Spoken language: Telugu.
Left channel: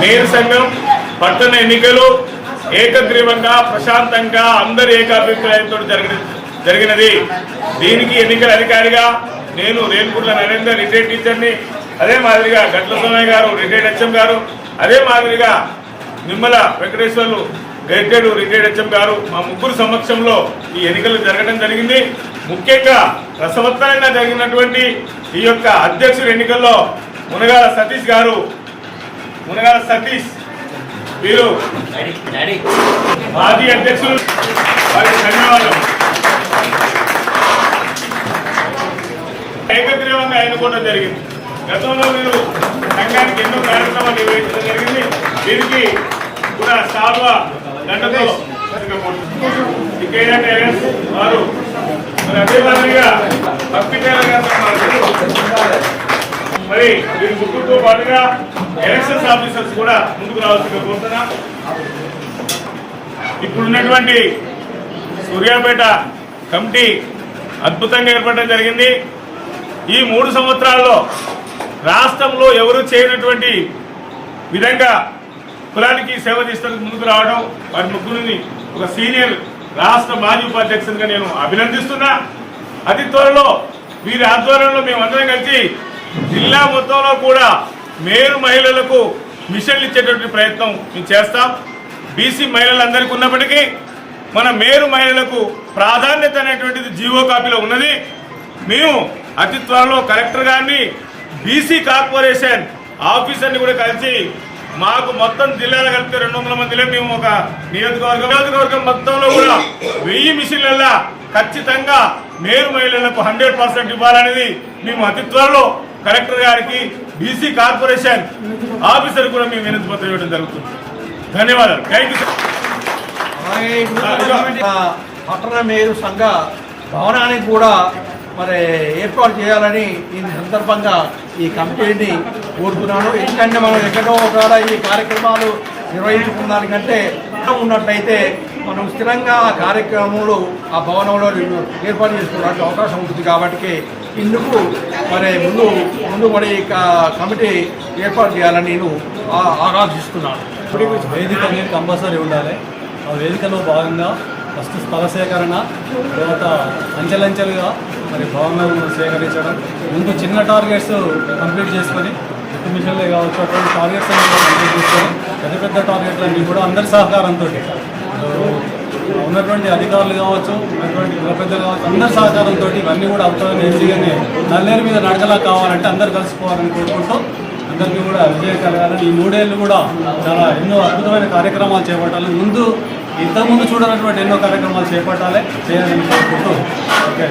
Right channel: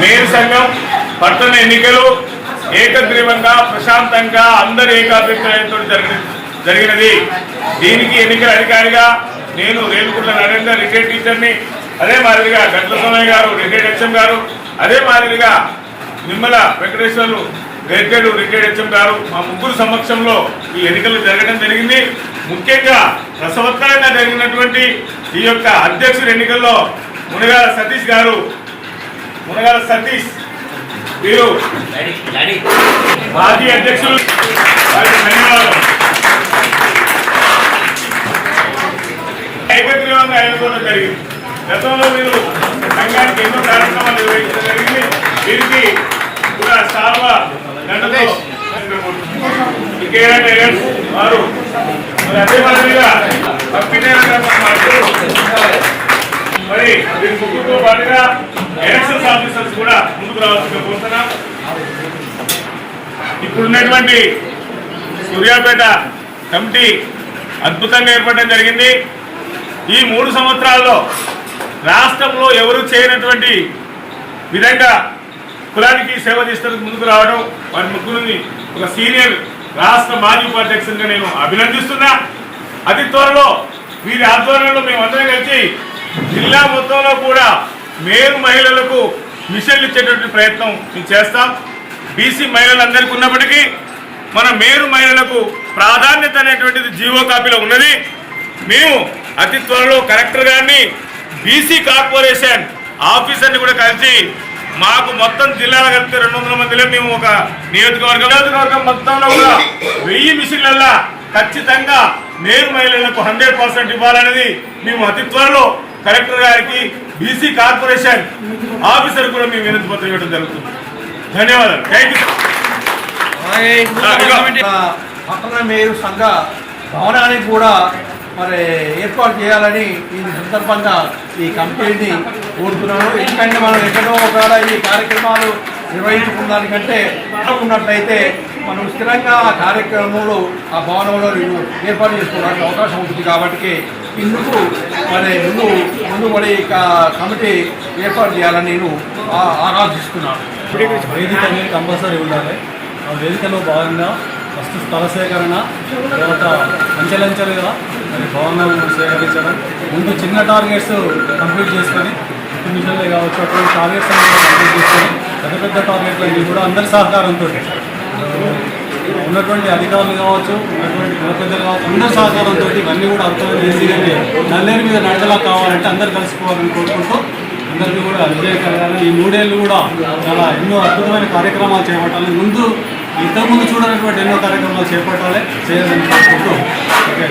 మేయర్ సంఘం పట్టణ ఎన్నికలు ఏకగ్రీవంగా ప్రశాంతంగా అందరి ఏకాభిప్రాయంతో జరిగినది. దీనికి ఎన్నికల అధికారిగా నేను రేణుగుంట్ల నరేందర్ రిటైర్డ్ టీచర్ని, అదే మాదిరిగా గట్ల సోమయ్య గారు రిటైర్డ్ హెచ్ఎం గారు, అదే మాదిరిగా నిమ్మల వెంకటేశ్వర్లు రిటైర్డ్ హెచ్ఎం గారు, మా ముగ్గురు సమక్షంలో ఈ ఎన్నికలు జరగడం జరిగింది. ముఖ్యంగా రసవత్తరంగా జరిగినటువంటి ఈ యొక్క అధ్యక్షుల ఎన్నికల్లో మునగాల సతీష్ వీరు మాజీ అధ్యక్షులు, వారికి ధన్యవాదాలు. ఏకగ్రీవంగా ఎన్నుకోవడం జరిగింది. గతంలో మీరు సంఘానికి ఎన్నో కార్యక్రమాలు నిర్వహించడం జరిగింది. వీరికి కూడా సార్వ దండతో వారు అదే మాదిరిగా మరి వీరి ముగ్గురుతో పాటుగా ఎలక్షన్స్ ఆఫీసర్స్ కూడా ముందుకు రావాల్సిందిగా కోరుతున్నాం. ఇప్పుడున్నటువంటి సూర్యాపేట కమిటీ అద్భుతంగా ఏర్పడడం జరిగింది. ఈ 3 సంవత్సరాల్లో రాష్ట్రంలో ఎవరు చేయనటువంటి విధంగా కులానికి సేవ చేసేందుకు ముందుకు రావడం, వారి ముగ్గురిని ఒక సీనియర్ రాష్ట్ర మాజీ ఉపాధ్యక్షునిగా నేను అభినందిస్తున్నా. అతి త్వరలో వీరి ఆధ్వర్యంలో మేమందరం కలిసి జిల్లా మొత్తంలో కూడా మేరు మహిళలకు మిషన్లు ఇచ్చేటువంటి ప్రయత్నం మేము చేస్తాం. బీసీ మహిళలందరికీ ఉన్నప్పటికీ మన మేరు మహిళలకు ప్రాధాన్యత అనేటువంటిది జీవో కాపీలో ఉన్నది. మేము అతి త్వరలో కలెక్టర్ గారిని బీసీ కార్పొరేషన్ ఆఫీసర్ని కూడా కలిసి మాకు మొత్తం జిల్లాలో కలిపితే 200 మందిలో మేము ఒక నియోజకవర్గం మొత్తంలో కూడా 1000 మిషన్లలో ఖచ్చితంగా మేరు మహిళలకు 100% ఇవ్వాలనేది మేము అతి త్వరలో కలెక్టర్ గారికి బీసీ కార్పొరేషన్ ఆఫీసర్ కూడా మేము వినతి పత్రం ఇవ్వడం జరుగుతుంది. ధన్యవాదాలు. Thank you. పట్టణ మేరు సంఘ భవనానికి కూడా మరి ఏర్పాటు చేయాలని ఈ సందర్భంగా ఈ కమిటీని కోరుతున్నాను. ఎందుకంటే మనం ఎక్కడో ఒకవేళ ఈ కార్యక్రమాలు నిర్వహించుకున్న దానికంటే ఉన్నట్లయితే మనం స్థిరంగా ఆ కార్యక్రమంలో ఆ భవనంలో ఏర్పాటు చేసుకోవడానికి అవకాశం ఉంటుంది. కాబట్టి ఇందుకు మరి ముందు మరి కమిటీ ఏర్పాటు చేయాలని నేను ఆరాధిస్తున్నాను. వేదిక అనేది కంపల్సరీ ఉండాలి. ఆ వేదికలో భాగంగా ఫస్ట్ స్థల సేకరణ, తర్వాత అంచెలంచెలుగా మరి భవనాలను సేకరించడం, ముందు చిన్న టార్గెట్స్ కంప్లీట్ చేసుకొని మిషన్లే కావచ్చు అటువంటి టార్గెట్స్ అనేది కంప్లీట్ చేసుకొని పెద్ద టార్గెట్లన్నీ కూడా అందరి సహకారంతో ఉన్నటువంటి అధికారులు కావచ్చు, ఉన్నటువంటి కుల పెద్దలు కావచ్చు, అందరి సహకారంతో ఇవన్నీ కూడా అర్థమైన ఈజీగానే నల్లేరు మీద నడకలా కావాలంటే అందరు కలిసిపోవాలని కోరుకుంటూ అందరికీ కూడా విజయం కలగాలని ఈ 3 ఏళ్ళు కూడా చాలా ఎన్నో అద్భుతమైన కార్యక్రమాలు చేపట్టాలి. ఇంతకుముందు చూడనటువంటి ఎన్నో కార్యక్రమాలు చేయాలని కోరుకుంటూ ఓకే.